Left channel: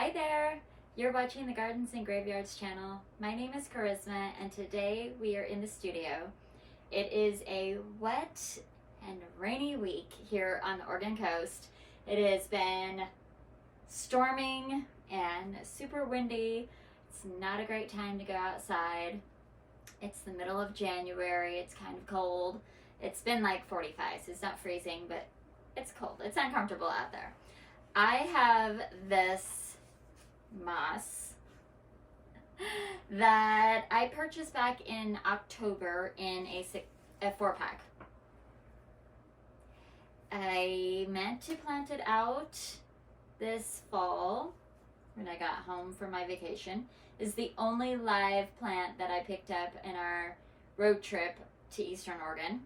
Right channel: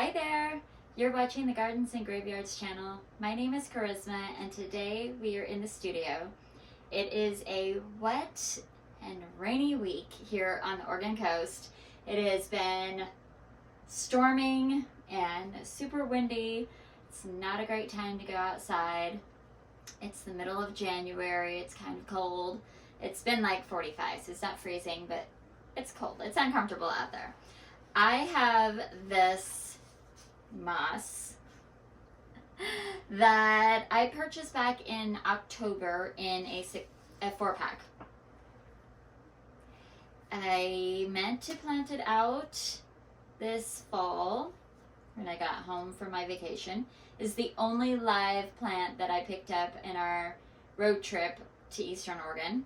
Hi there! You're watching the Gardens and Graveyards channel. My name is Charisma and today we are in the studio. It is a wet and rainy week here on the Oregon coast. It has been storming and super windy. It's not a great time to go outside. It's the middle of January. It's kind of cold. It's been like 45, so it's not freezing, but it's cold. It's uncomfortable out there. I have this moss that I purchased back in October in a 4-pack. I meant to plant it out this fall when I got home from my vacation. It's the only live plant that I picked up in our road trip to Eastern Oregon.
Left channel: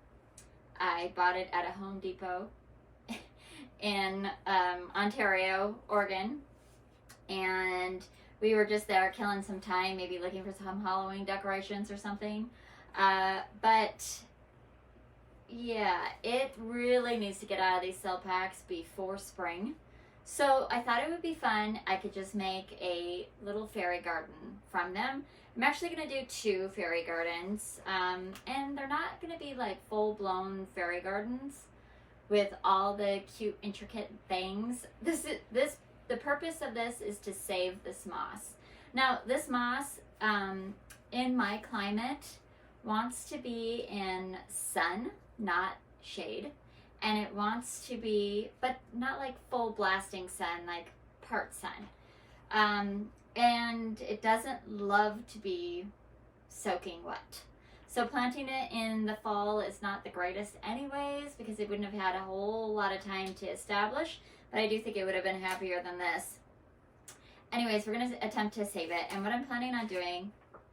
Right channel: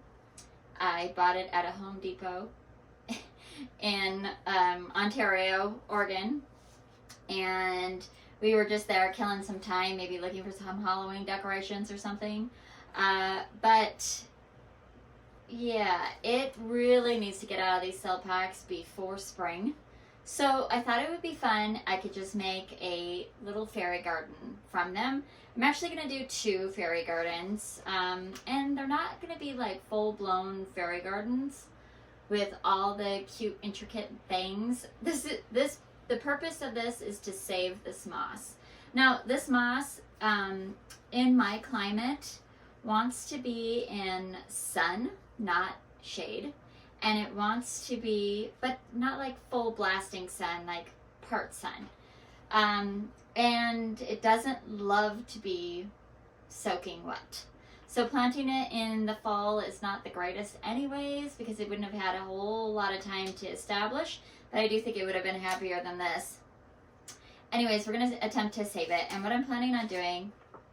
I bought it at a Home Depot in Ontario, Oregon, and we were just there killing some time, maybe looking for some Halloween decorations or something. But yeah, it really needs to get out of these cell packs before spring. So I thought it would be fun. I could just make a little fairy garden from them. I'm actually going to do 2 fairy gardens, and they're not going to be like full-blown fairy gardens with all the cute, intricate things. The purpose of this is to save this moss. Now, this moss, in my climate, wants to be in sun, not shade. And it wants to be, but not like full blasting sun, like part sun. And it doesn't love to be soaking wet. So planting it in the fall is not the greatest anyways, because it wouldn't have had a whole lot of time to establish, but I do think it would have been happier than this. Anyways, we're going to attempt to save it. And what I'm planning on doing,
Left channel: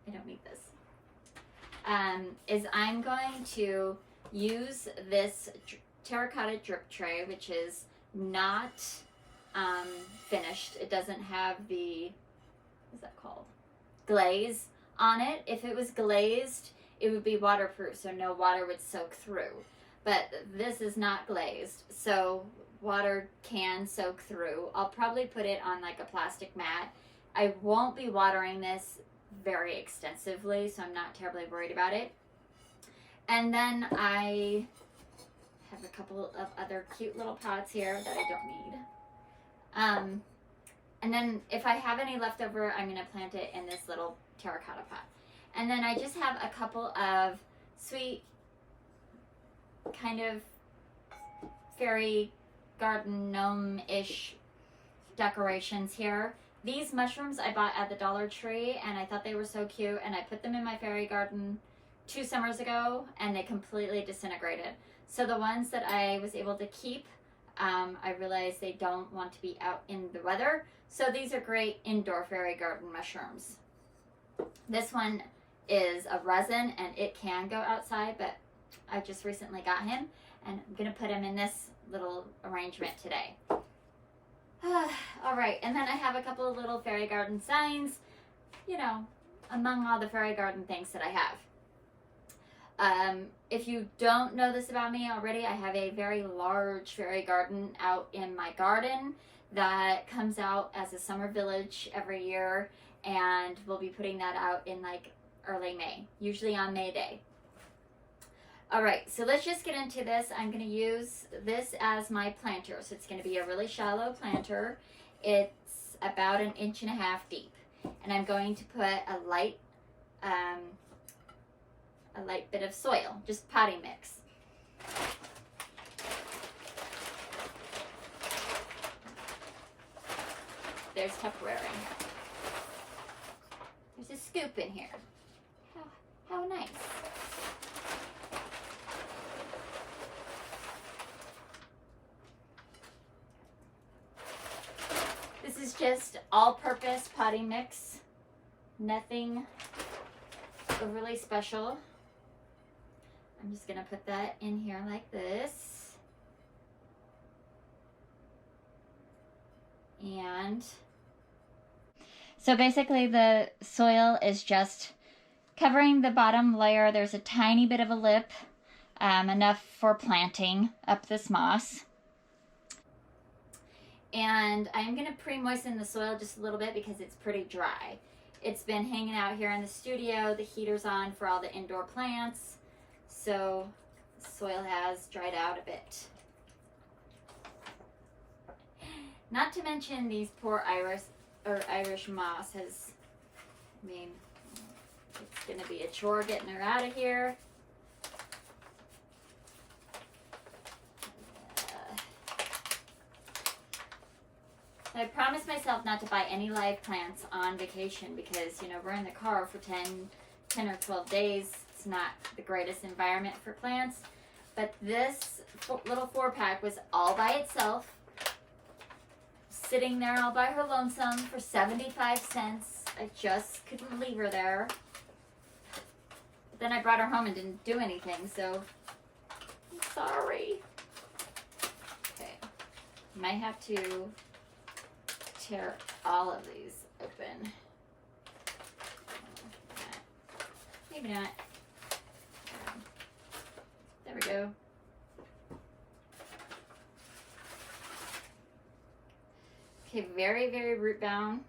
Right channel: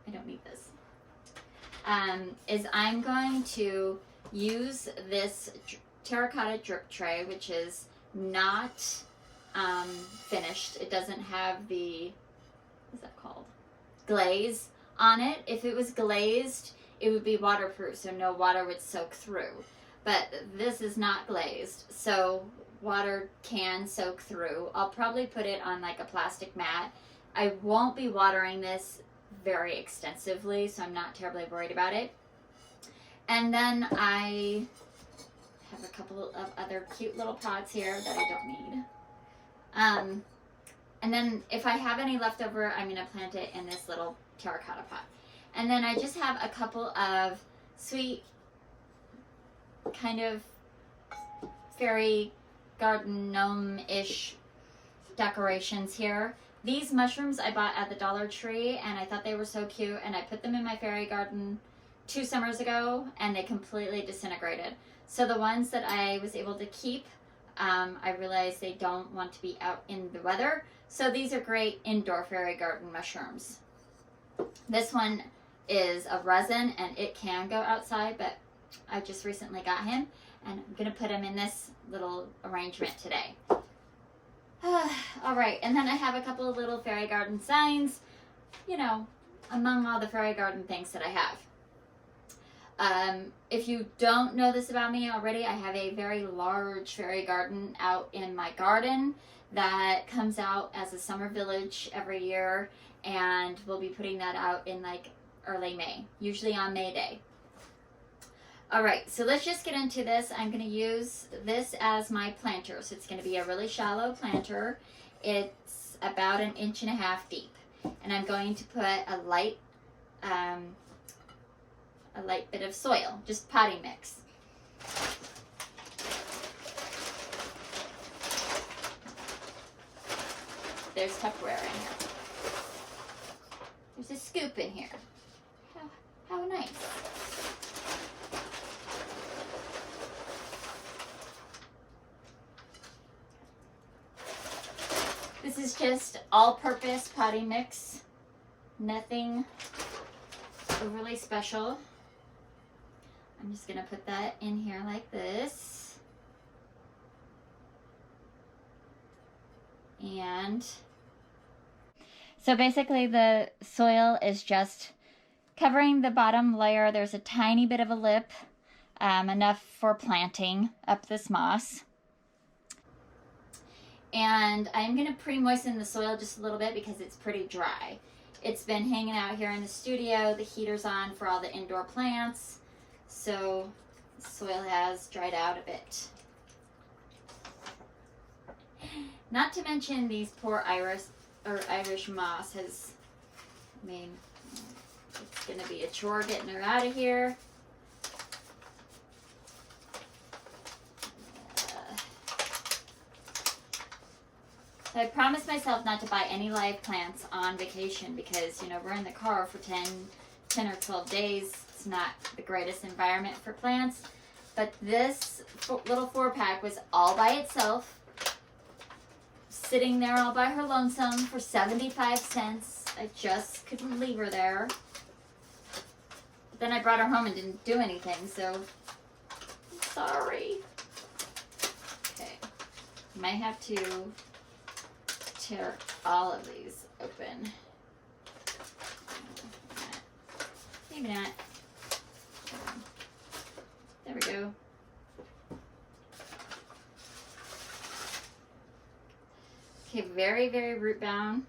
I don't need this, is I'm going to use this terracotta drip tray, which is not finished. It doesn't have the, what's that called? Glaze on it. If it was glazed, it would be waterproof, so no water would soak through. But this is not glazed, so water can soak through. I'll probably put it on like a plastic mat. I won't be watering this very extensively, so I'm not terribly worried about it. And then I have a couple of other cute little pots here that I don't need. And then if I have any left over, I'm gonna plant it in this little terracotta pot. And then I just have a couple of sweet kind of fairy garden gnome-ish decorations here. These mushrooms I bought at the Dollar Tree and I thought they were so cute, and I put them in my fairy garden 2 summers ago and they completely disintegrated. So the ones that I was able to keep, I realized they don't want to be out in the weather. So these are great indoor fairy garden mushrooms. This one is a resin and it can go outside, but I just recently got him and I'm gonna put him in this little arrangement today. All right, and then I have a couple of little fairy garden signs, you know, among all the fairy garden things that I have. If you don't know this about me already, I have a very large fairy garden out in my garden that comes out as a summer village every year, and we'll be putting that out in like early May, usually on May Day. All right, so let's just get into this. I'm going to use this as my planter. So it's going to be a really shallow planter. It's about 1.5 inches deep. And I'm going to put a light bit of soil, just potting mix. There's Tupperware in here. There's a scoop in here. How nice. This is just all-purpose potting mix. Nothing overly special. I'm just gonna put that in here like this. And so basically the soil is just covering the bottom layer. There's a tiny bit of a lip, enough for planting up this moss. And I'm going to pre-moisten the soil just a little bit because it's pretty dry. It's been hanging out here in the studio. The heater's on for all the indoor plants. So the soil has dried out a bit. Not to mention these poor Irish moss has, I mean, it's going to be a chore getting her out of here. So I promised myself not to buy any live plants on vacation because, you know, we're in the car for 10 or 12 days. It's not the greatest environment for plants. But this little 4-pack was all by itself, sitting there all by her lonesome for 75 cents. I just couldn't leave her there. But then I brought her home and didn't do anything, so I'm sorry. Okay, might have to tear all of these open. Maybe not. There we go. Okay, very, very root bound.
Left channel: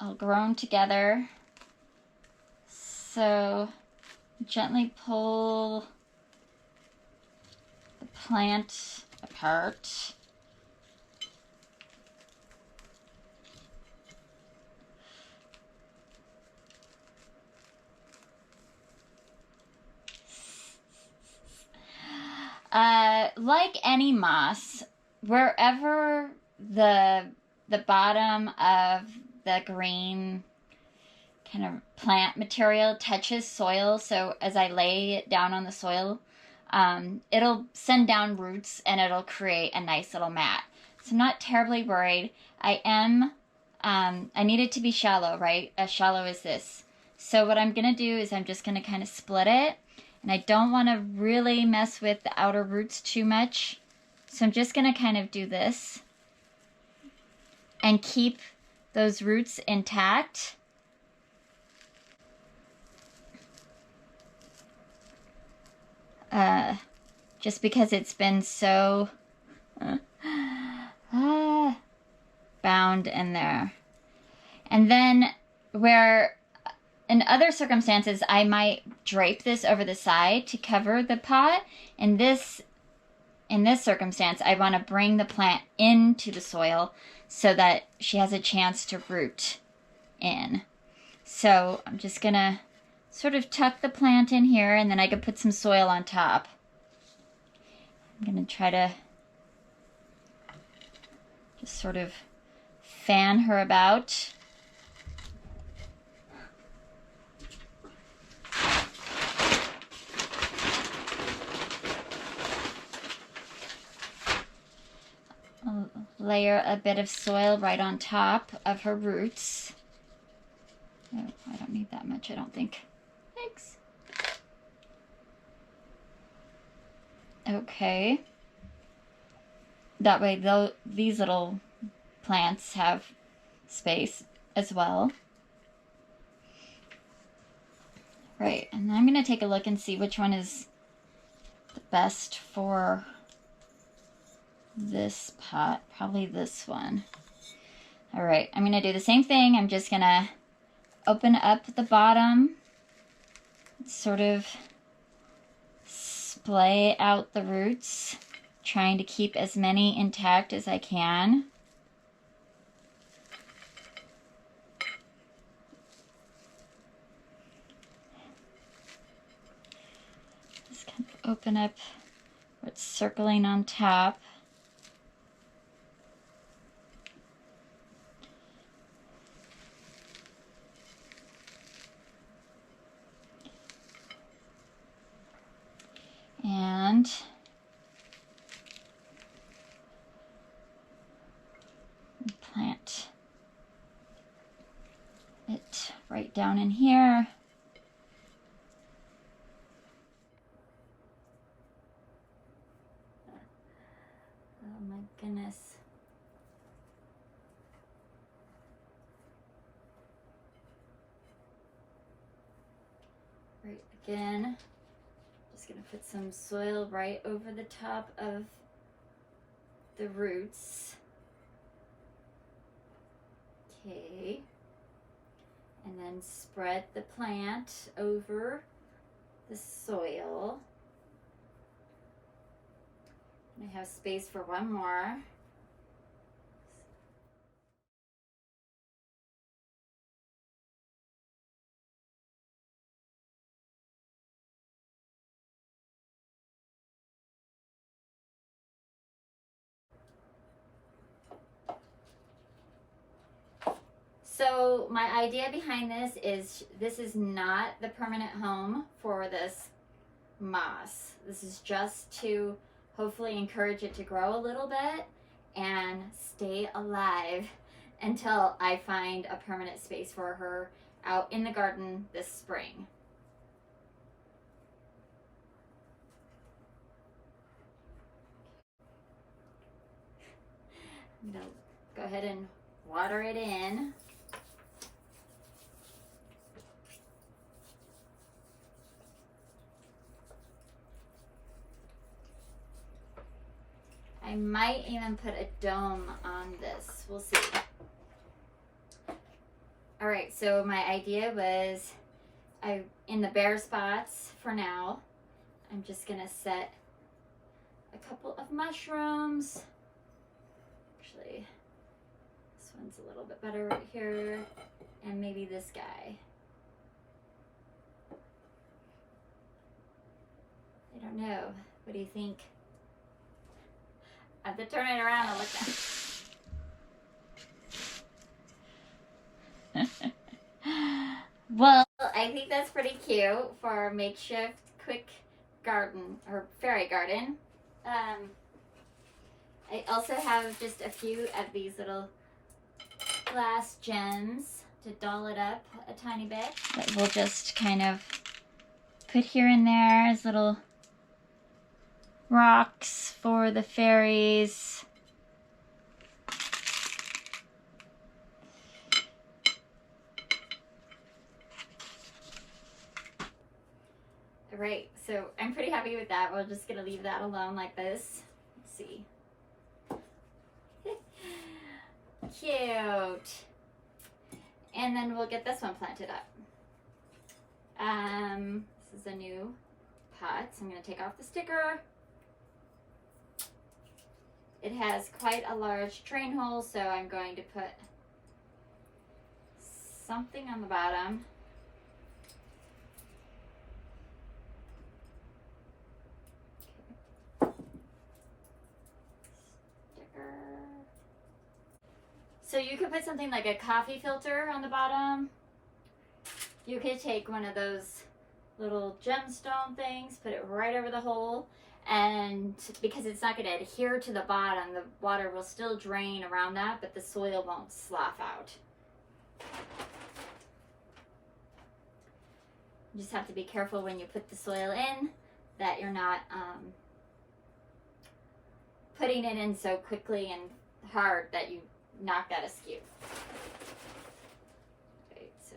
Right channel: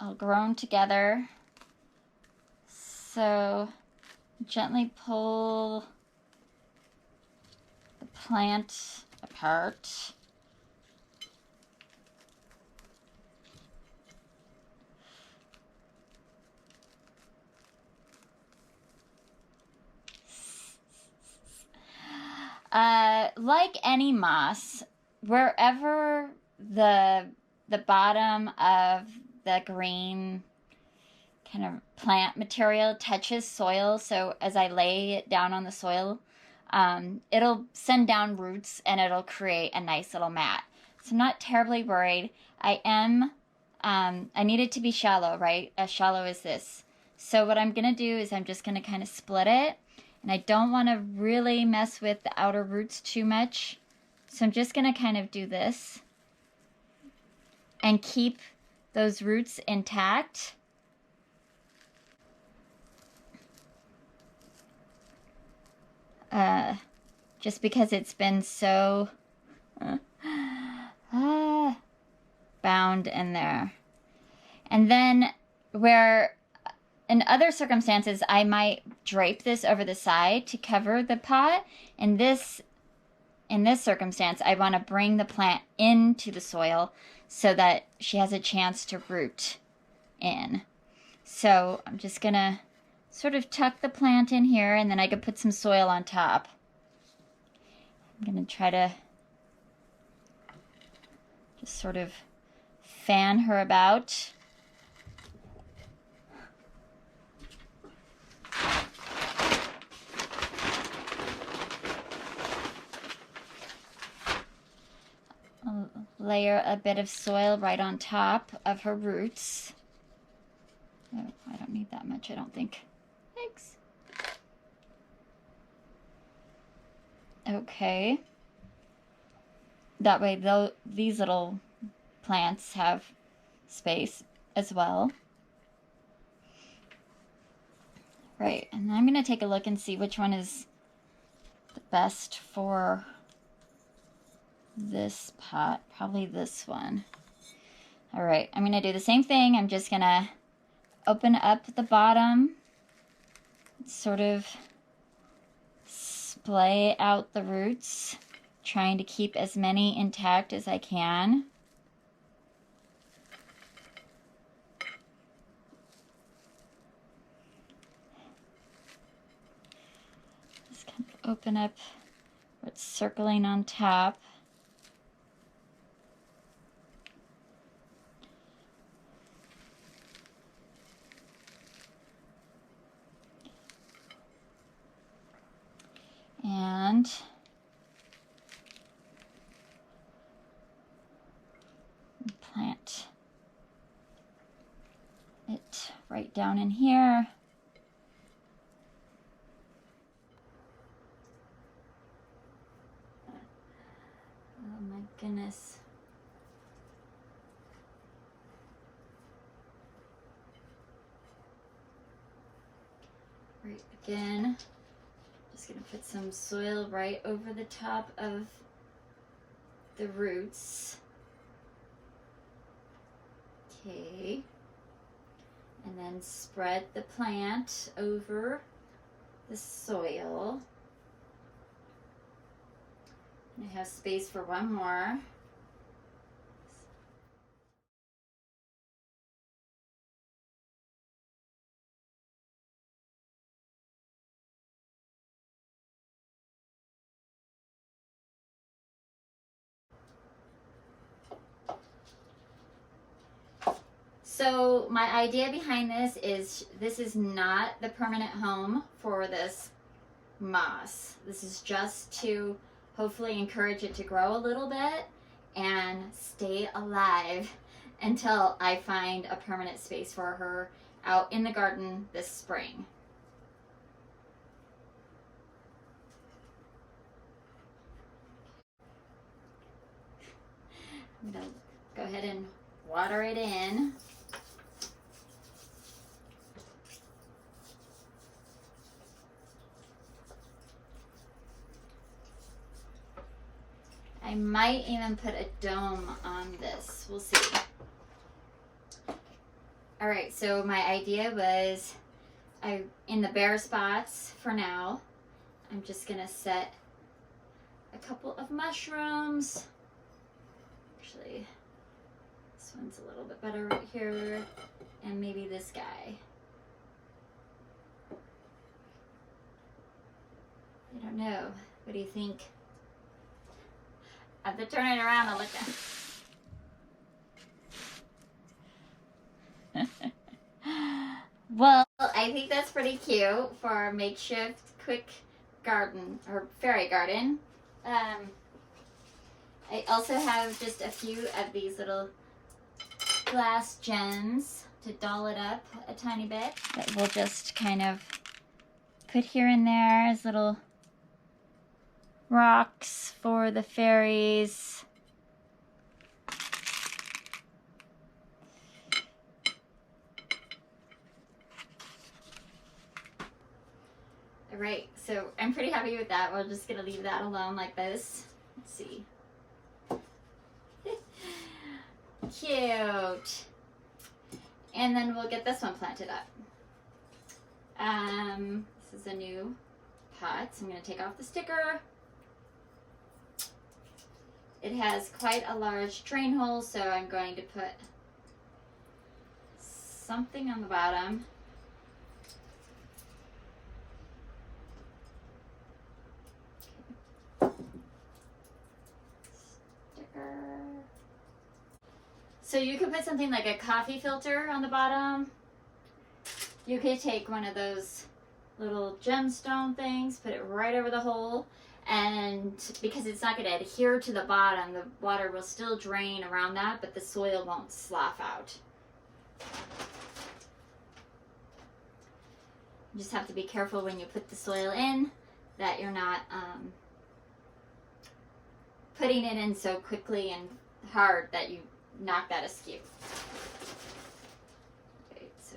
All grown together. So gently pull the plant apart. Like any moss, wherever the bottom of the green kind of plant material touches soil, so as I lay it down on the soil, it'll send down roots and it'll create a nice little mat. So I'm not terribly worried. I need it to be shallow, right? As shallow as this. So what I'm going to do is I'm just going to kind of split it. And I don't want to really mess with the outer roots too much. So I'm just going to kind of do this and keep those roots intact. Just because it's been so bound in there. And then where in other circumstances, I might drape this over the side to cover the pot. In this circumstance, I want to bring the plant into the soil so that she has a chance to root in. So I'm just going to sort of tuck the plant in here, and then I can put some soil on top. I'm going to try to just sort of fan her about. I'll layer a bit of soil right on top of her roots. Oh, I don't need that much, I don't think. Thanks. Okay. That way these little plants have space as well. Right, and I'm going to take a look and see which one is the best for this pot. Probably this one. All right, I'm going to do the same thing. I'm just going to open up the bottom, sort of splay out the roots, trying to keep as many intact as I can. Just kind of open up where it's circling on top. And plant it right down in here. Oh my goodness. Right again. Just gonna put some soil right over the top of the roots. Okay. And then spread the plant over the soil. I have space for one more. So my idea behind this is not the permanent home for this moss. This is just to hopefully encourage it to grow a little bit and stay alive until I find a permanent space for her out in the garden this spring. I'm gonna go ahead and water it in. I might even put a dome on this. We'll see. All right, so my idea was in the bare spots for now, I'm just gonna set a couple of mushrooms. Actually, this one's a little bit better right here, and maybe this guy. I don't know. What do you think? I have to turn it around and look at it. Well, I think that's pretty cute for a makeshift quick garden or fairy garden. I also have just a few of these little glass gems to doll it up a tiny bit that we'll just kind of put here and there as little rocks for the fairies. All right, so I'm pretty happy with that. We're just gonna leave that alone like this. Let's see. Cute. And then we'll get this one planted up. This is a new pot, so I'm gonna take off the sticker. It has quite a large drain hole, so I'm going to put something on the bottom. Sticker. So you could put something like a coffee filter on the bottom. You could take one of those little gemstone things, put it right over the hole, and because it's not going to adhere to the bottom, the water will still drain around that, but the soil won't slough out. You just have to be careful when you put the soil in that you're not putting it in so quickly and hard that you knock that askew. Okay, so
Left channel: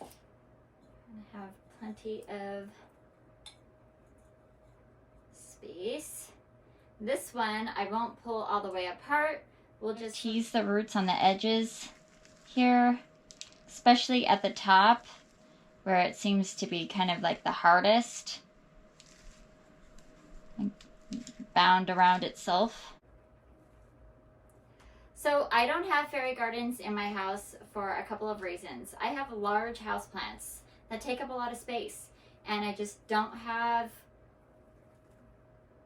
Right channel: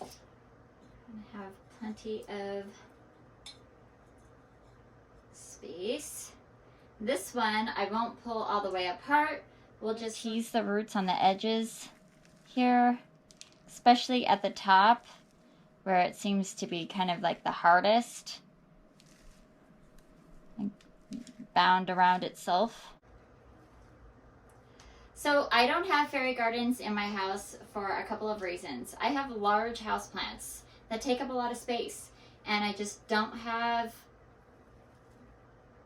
I'm gonna have plenty of space. This one I won't pull all the way apart. We'll just tease the roots on the edges here, especially at the top where it seems to be kind of like the hardest and bound around itself. So I don't have fairy gardens in my house for a couple of reasons. I have large houseplants that take up a lot of space, and I just don't have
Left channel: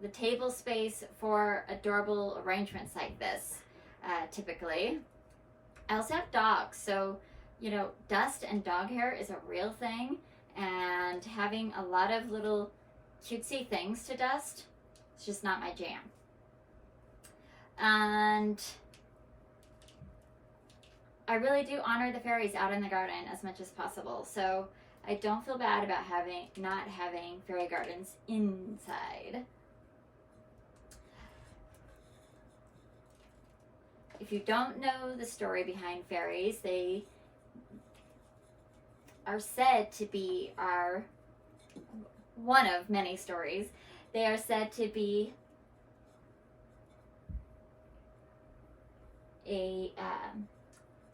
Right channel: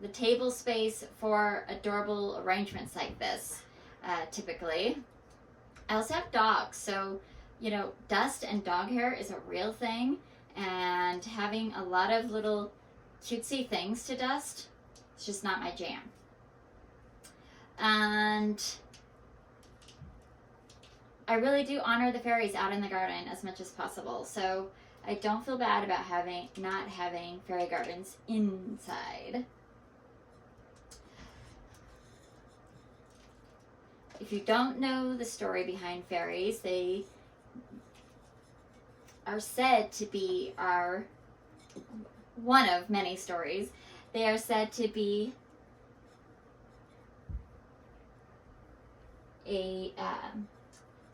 the table space for adorable arrangements like this, typically. I also have dogs, so you know, dust and dog hair is a real thing, and having a lot of little cutesy things to dust, it's just not my jam. And I really do honor the fairies out in the garden as much as possible, so I don't feel bad about not having fairy gardens inside. If you don't know the story behind fairies, they are said to be one of many stories. They are said to be a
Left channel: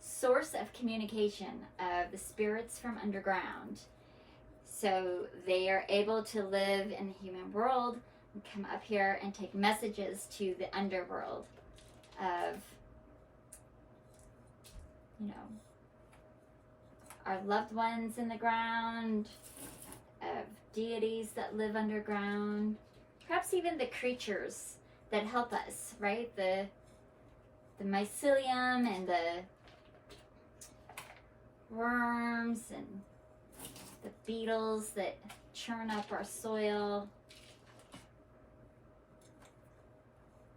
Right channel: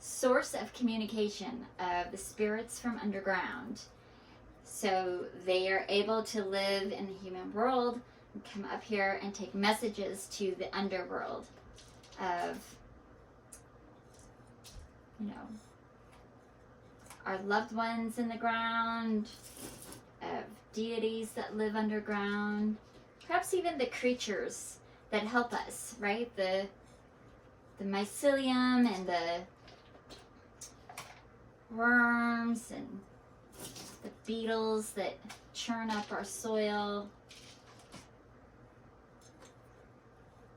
source of communication of the spirits from underground. So they are able to live in the human world and come up here and take messages to the underworld of, you know, our loved ones in the ground, of deities that live underground, perhaps even the creatures that help us, right? The mycelium and the worms and the beetles that churn up our soil.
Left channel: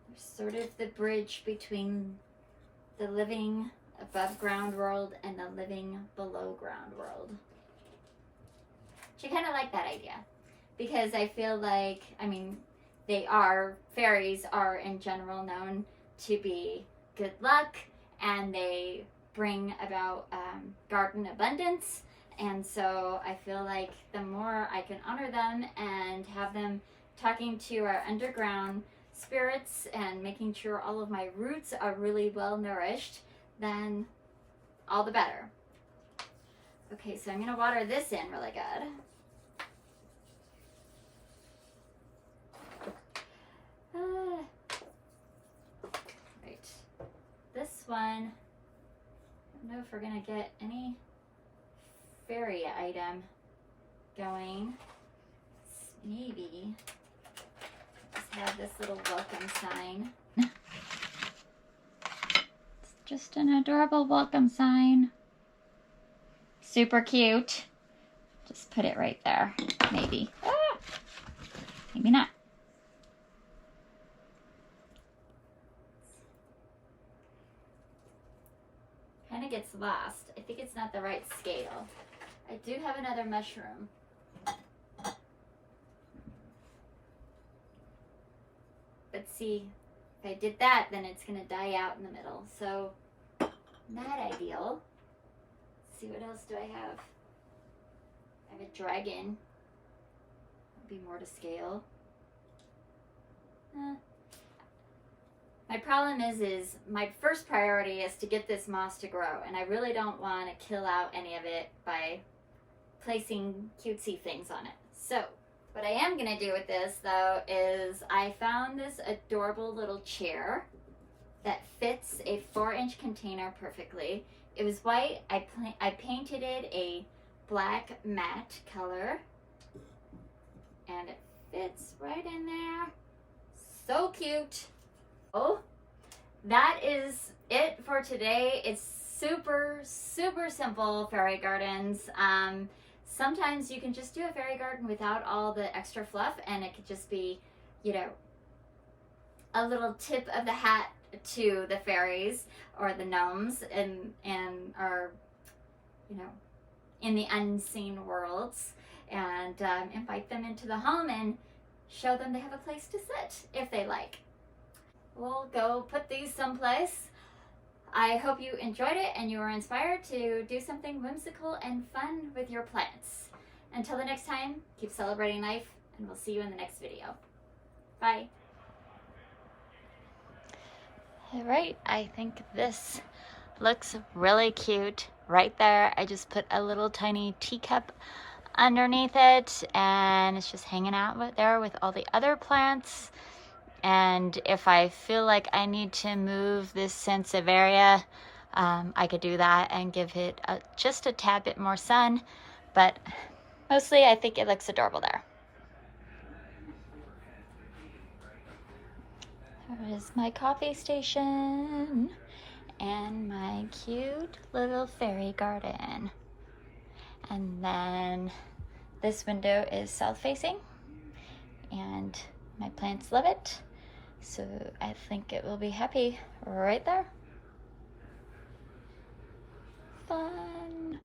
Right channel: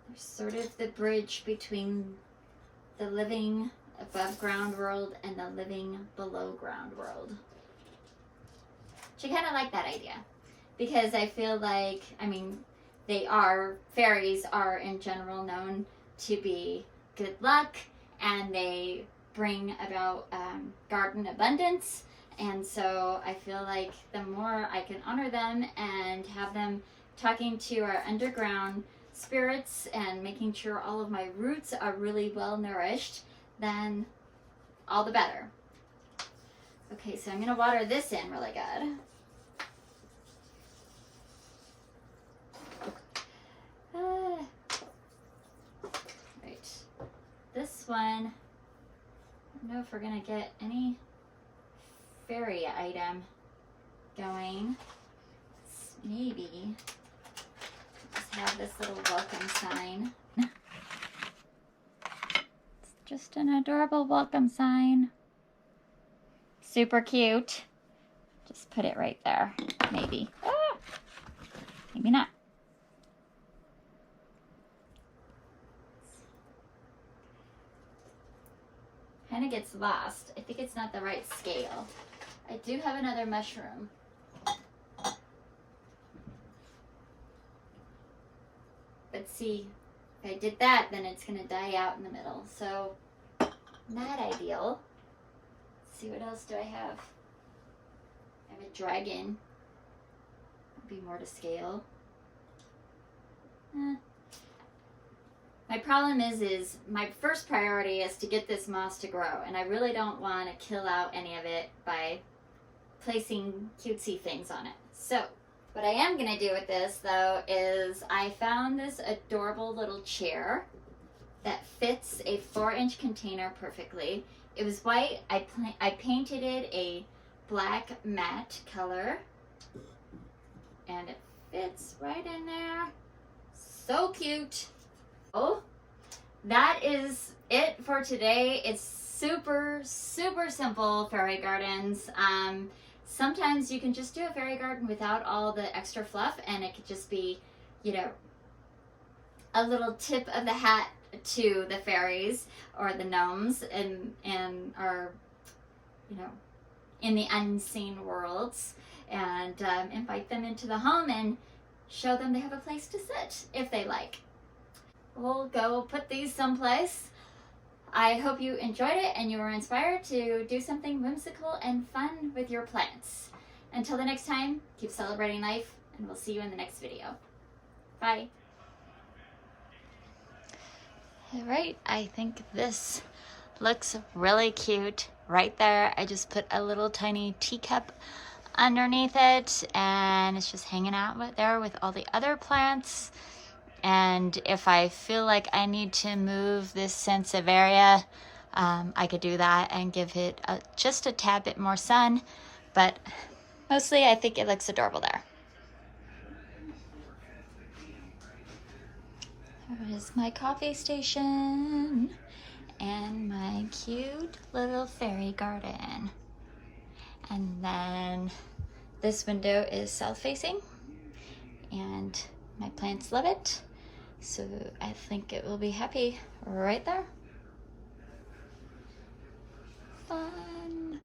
They're sort of the bridge between the living above ground world and the living below ground world. Which I kind of like that idea, because I feel like, I mean, fairies are in general known to be good luck, and they bring about garden abundance. And so I feel like the more I can honor them and have them talking to our underground spirits and making sure all of my roots are really well nourished, then all the better. Okay, so I'm gonna water this in really good. Right, this one, I don't know if we're gonna get any fairy item going. Maybe just have this little welcome sign. It's just an adorable welcome sign. Super cute. Just put it right there. Maybe. Ah! Maybe not. Kind of gets lost. I think it's not the right scale. I do have another mushroom. But see, if I did that, then it's going to die out in the middle. So, not ideal. Let's see, what else do I have? I have a dragon. Would be more to scale. My problem is my first priority is to get this moss to grow, and I really don't want to kill out any of it by placing cutesy things on it. So what I am going to do with this, though, is I found this adorable little chair that fits a 4-inch container perfectly. It was white. I painted it a black matte color, and it fits right in there. So cute. Oh, that is it for today. It's super, super simple fairy gardens. Sometimes you can just do a fairy garden without all the extra fluff, and it could just be, you know, a little tip of the hat to the fairies or the gnomes and are, you know, in the unseen worlds, and invite them into the home and show them they have a place to sit if they like. We'll go put these someplace. I hope you enjoyed it and you were inspired to do something whimsical and fun with your plants. Until the next time, keep celebrating life, and we'll see you in the next video. Bye. All right, I think this looks really cute right there. I just put a little tiny teacup underneath it, and it's just hanging out there with all the other plants. And if I feel like I need to move this sansevieria, I could do that and give it just a tad bit more sun. But mostly I think it looks adorable there. There is my coffee station and my cute little fairy garden. And then this window is south facing, and my plants love it. So I think it will be happy right there. Fun.